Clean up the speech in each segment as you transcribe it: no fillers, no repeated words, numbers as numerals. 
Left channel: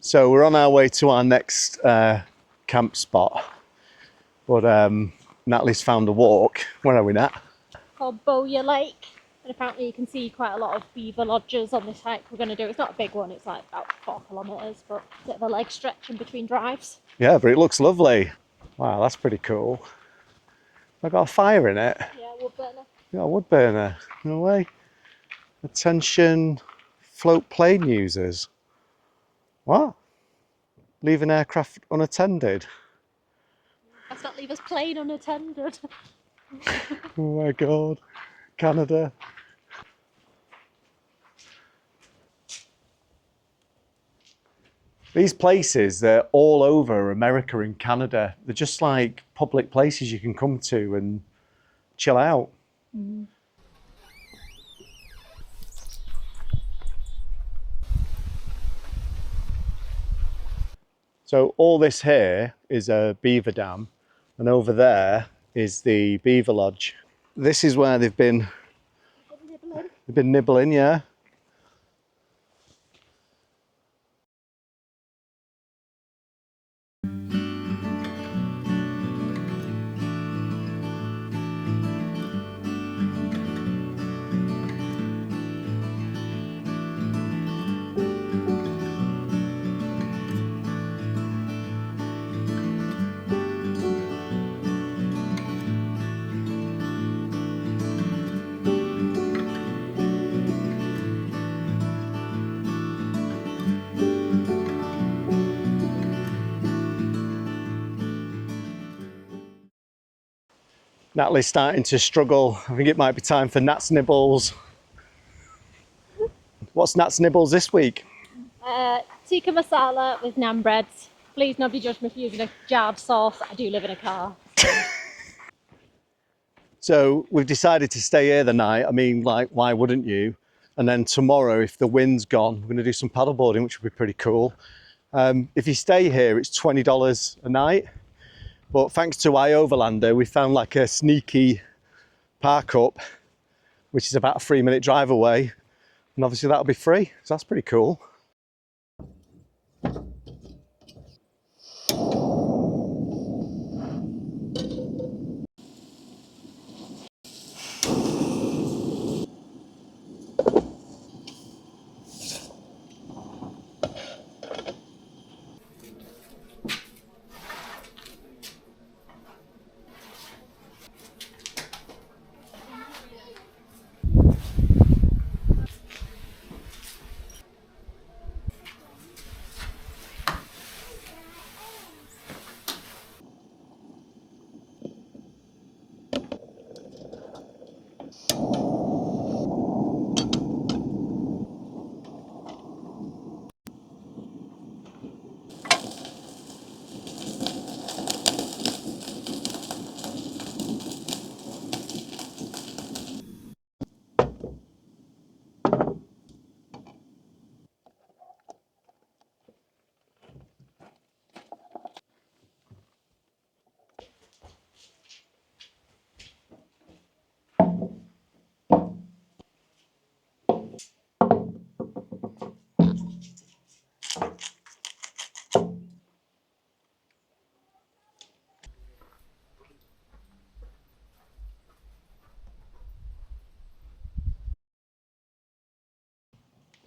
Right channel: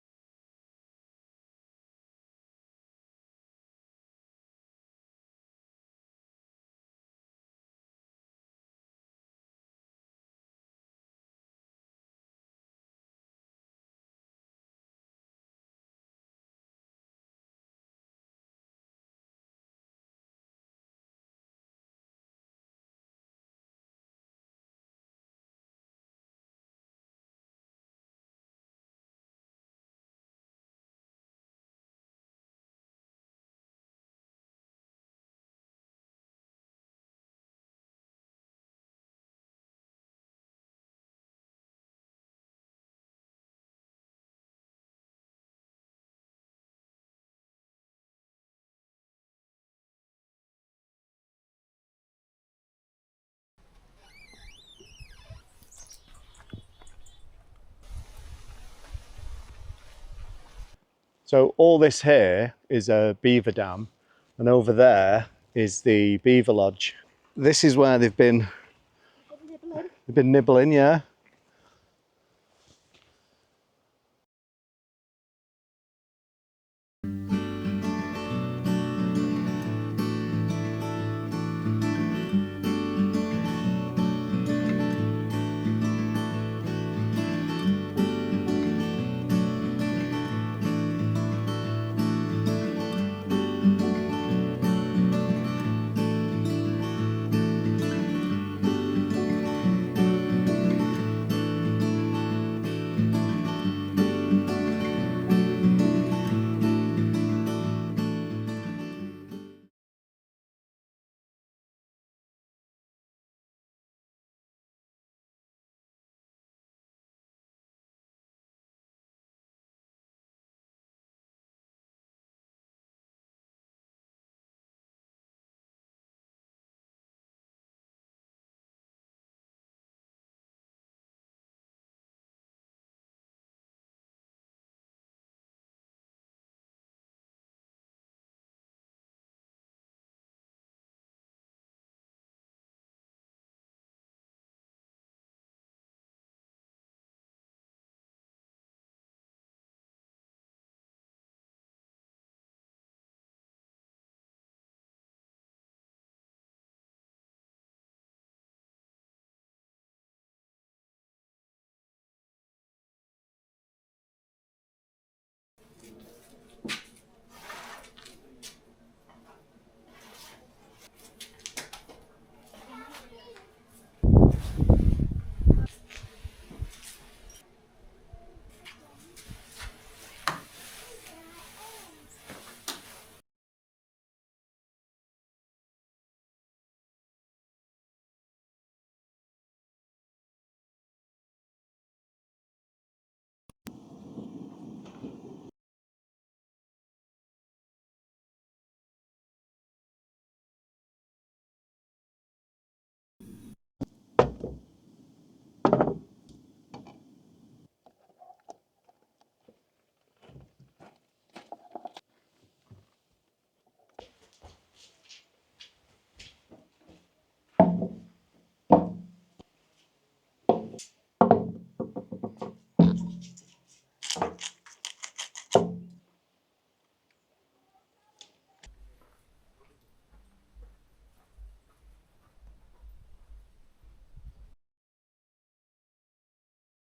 So we're on our way to our next camp spot, but Natalie's found a walk. Where are we, Nat? Called Boya Lake, and apparently you can see quite a lot of beaver lodges on this hike we're going to do. It's not a big one, it's like about 4 kilometres, but a bit of a leg stretch in between drives. Yeah, but it looks lovely. Wow, that's pretty cool. I've got a fire in it. Yeah, wood burner. Yeah, a wood burner. No way. Attention, float plane users. What? Leave an aircraft unattended. Let's not leave us plane unattended. Oh my God, Canada. These places, they're all over America and Canada. They're just like public places you can come to and chill out. Mm. So all this here is a beaver dam, and over there is the beaver lodge. This is where they've been nibbling, yeah. Natalie's starting to struggle. I think it might be time for Nat's Nibbles. What's Nat's Nibbles this week? Tikka masala with naan breads. Please nobody judge me for using a jarred sauce. I do live in a car. So we've decided to stay here the night. I mean, like, why wouldn't you? And then tomorrow, if the wind's gone, we're going to do some paddleboarding, which would be pretty cool. If you stay here, it's $20 a night. But thanks to Overlander, we found like a sneaky park up, which is about a 3-minute drive away. And obviously that'll be free. So that's pretty cool.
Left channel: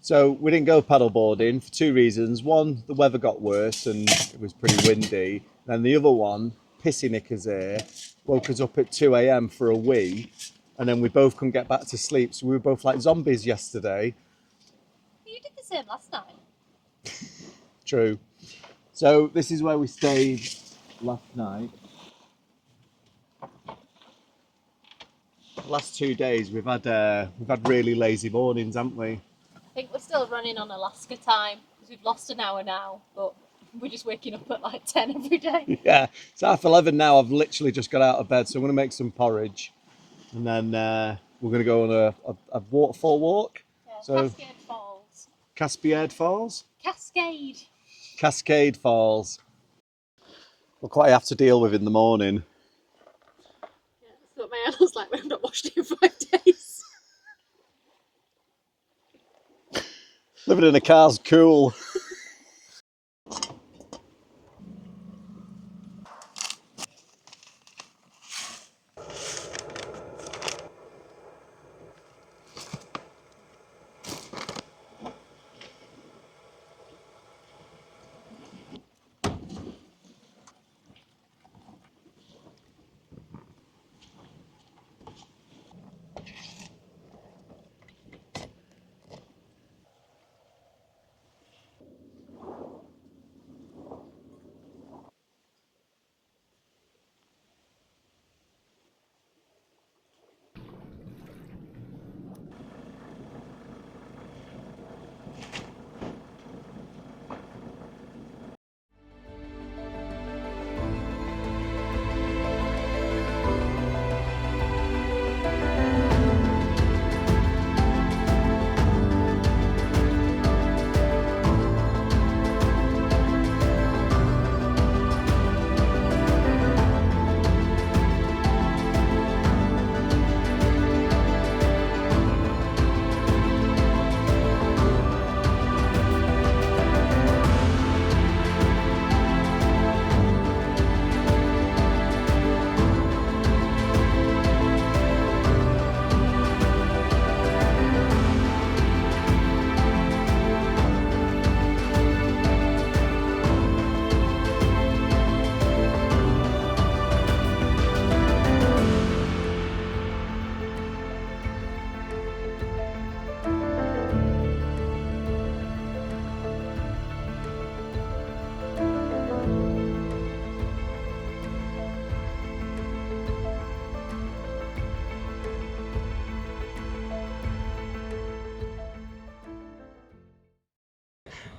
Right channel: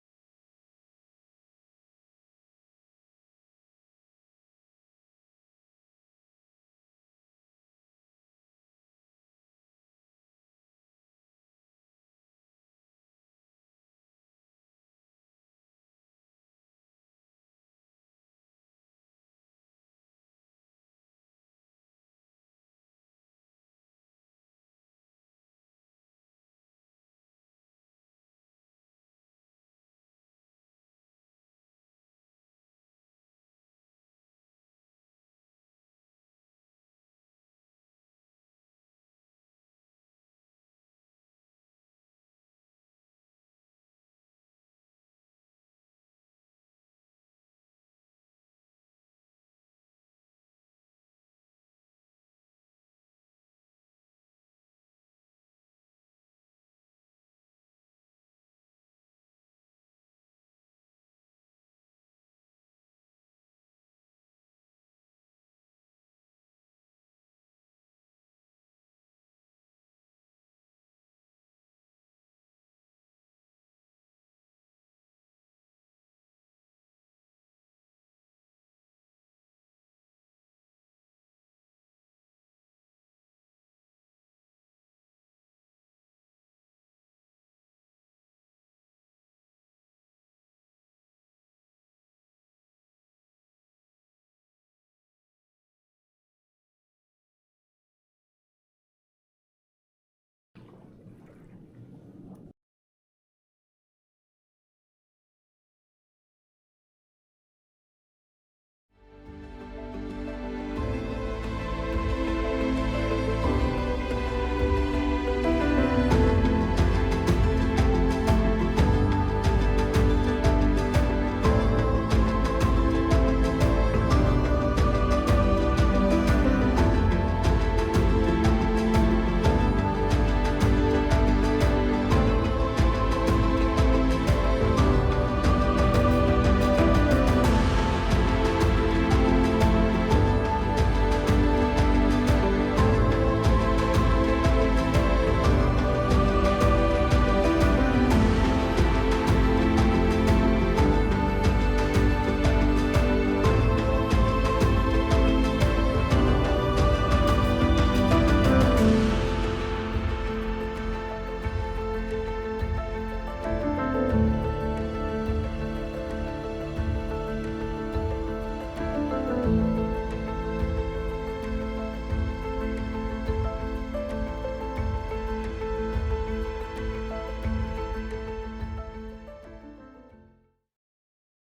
So we didn't go paddleboarding for 2 reasons. One, the weather got worse and it was pretty windy. And the other one, pissy knickers here, woke us up at 2 a.m. for a wee, and then we both couldn't get back to sleep. So we were both like zombies yesterday. You did the same last night. True. So this is where we stayed last night. The last 2 days we've had really lazy mornings, haven't we? I think we're still running on Alaska time because we've lost an hour now, but We're just waking up at like 10 every day. Yeah, it's 11:30 now. I've literally just got out of bed, so I'm going to make some porridge. And then we're going to go on a waterfall walk. Yeah, So, Cascade Falls. Cascade Falls? Cascade. Cascade Falls. Look what I have to deal with in the morning. Yeah, that's what my Anna's like when I've not washed it in 5 days. Living in a car's cool.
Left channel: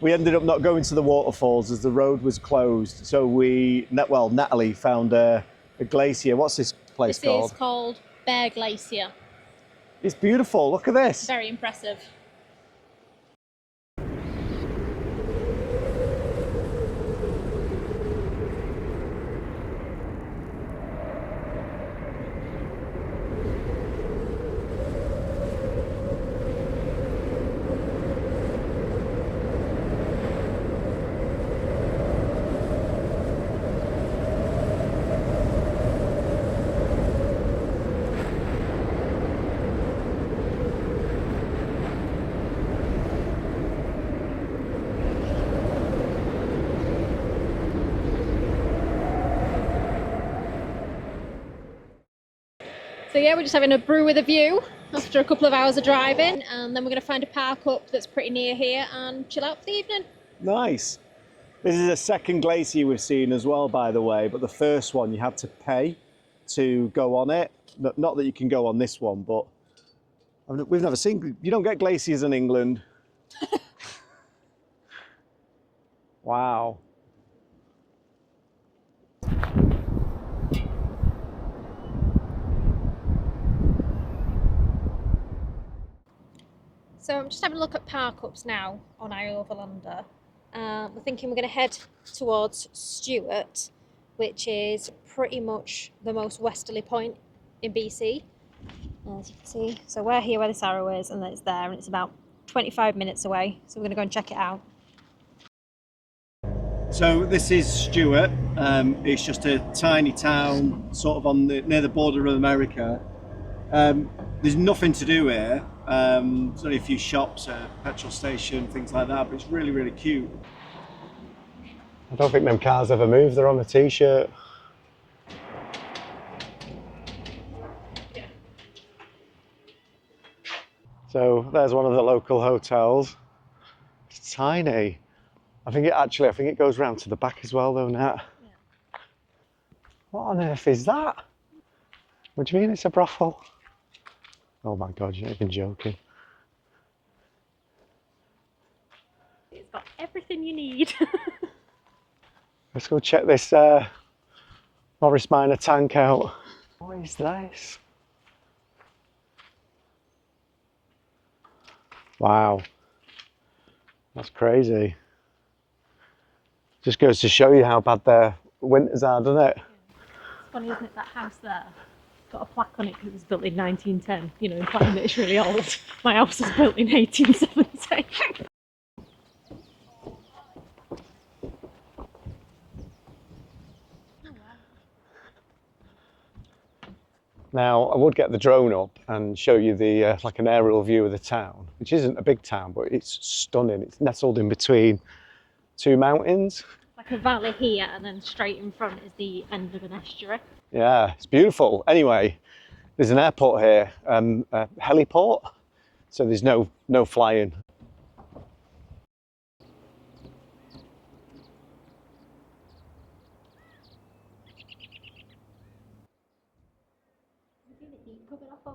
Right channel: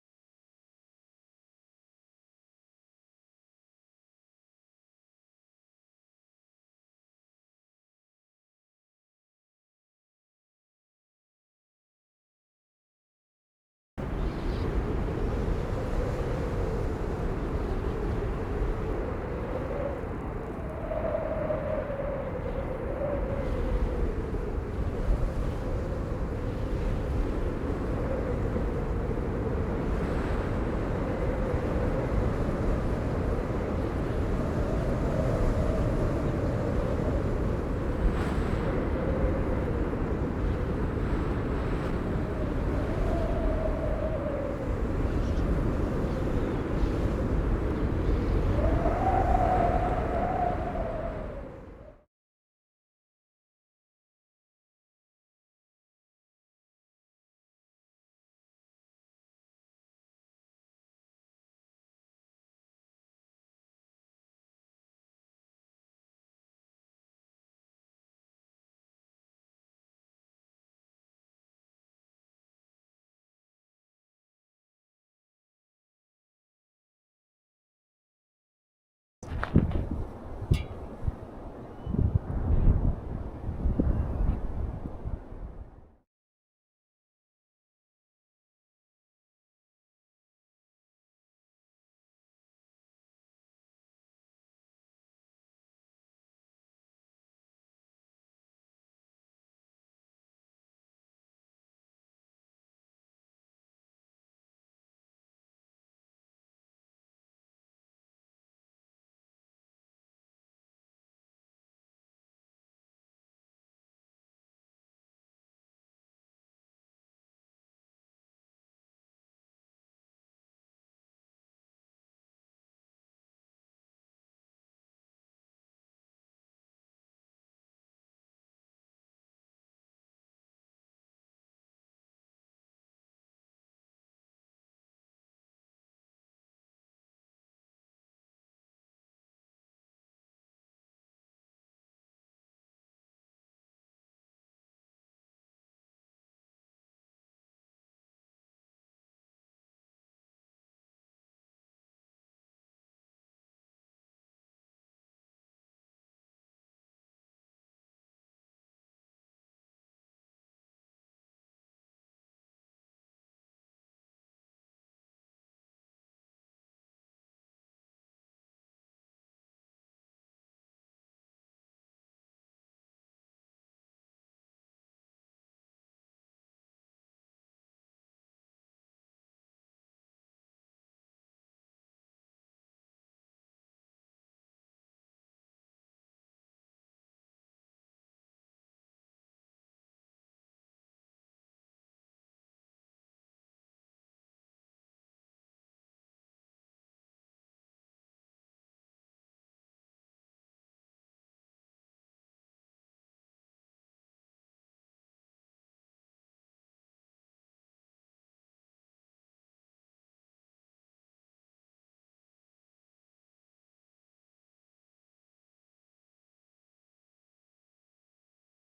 We ended up not going to the waterfalls as the road was closed. So Natalie found a glacier. What's this place called? This is called Bear Glacier. It's beautiful. Look at this. Very impressive. So yeah, we're just having a brew with a view after a couple of hours of driving, and then we're going to find a park up that's pretty near here and chill out for the evening. Nice. This is a second glacier we've seen as well, by the way, but the first one you had to pay to go on it. Not that you can go on this one, but we've never seen, you don't get glaciers in England. Wow. So I'm just having a look at park ups now on Overlander. We're thinking we're going to head towards Stewart, which is pretty much the most westerly point in BC, as you can see. So we're here where this arrow is, and it's there, and it's about 25 minutes away. So we're going to go and check it out. So this is Stewart. It's just a tiny town, sort of near the border of America. There's nothing to do here. There's only a few shops, a petrol station, things like that, but it's really, really cute. I don't think them cars ever move. They're on the t-shirt. So there's one of the local hotels. It's tiny. I think it goes round to the back as well, though, Nat. Yeah. What on earth is that? What do you mean it's a brothel? Oh my God, you're not even joking. It's got everything you need. Let's go check this Morris Minor tank out. What is this? Wow, that's crazy. Just goes to show you how bad their winters are, doesn't it? It's funny, isn't it? That house there got a plaque on it because it was built in 1910, you know, implying that it's really old. My house was built in 1870. Now, I would get the drone up and show you the like an aerial view of the town, which isn't a big town, but it's stunning. It's nestled in between two mountains. Like a valley here, and then straight in front is the end of an estuary. Yeah, it's beautiful. Anyway, there's an airport here, a heliport, so there's no flying. Is it the heat coming off?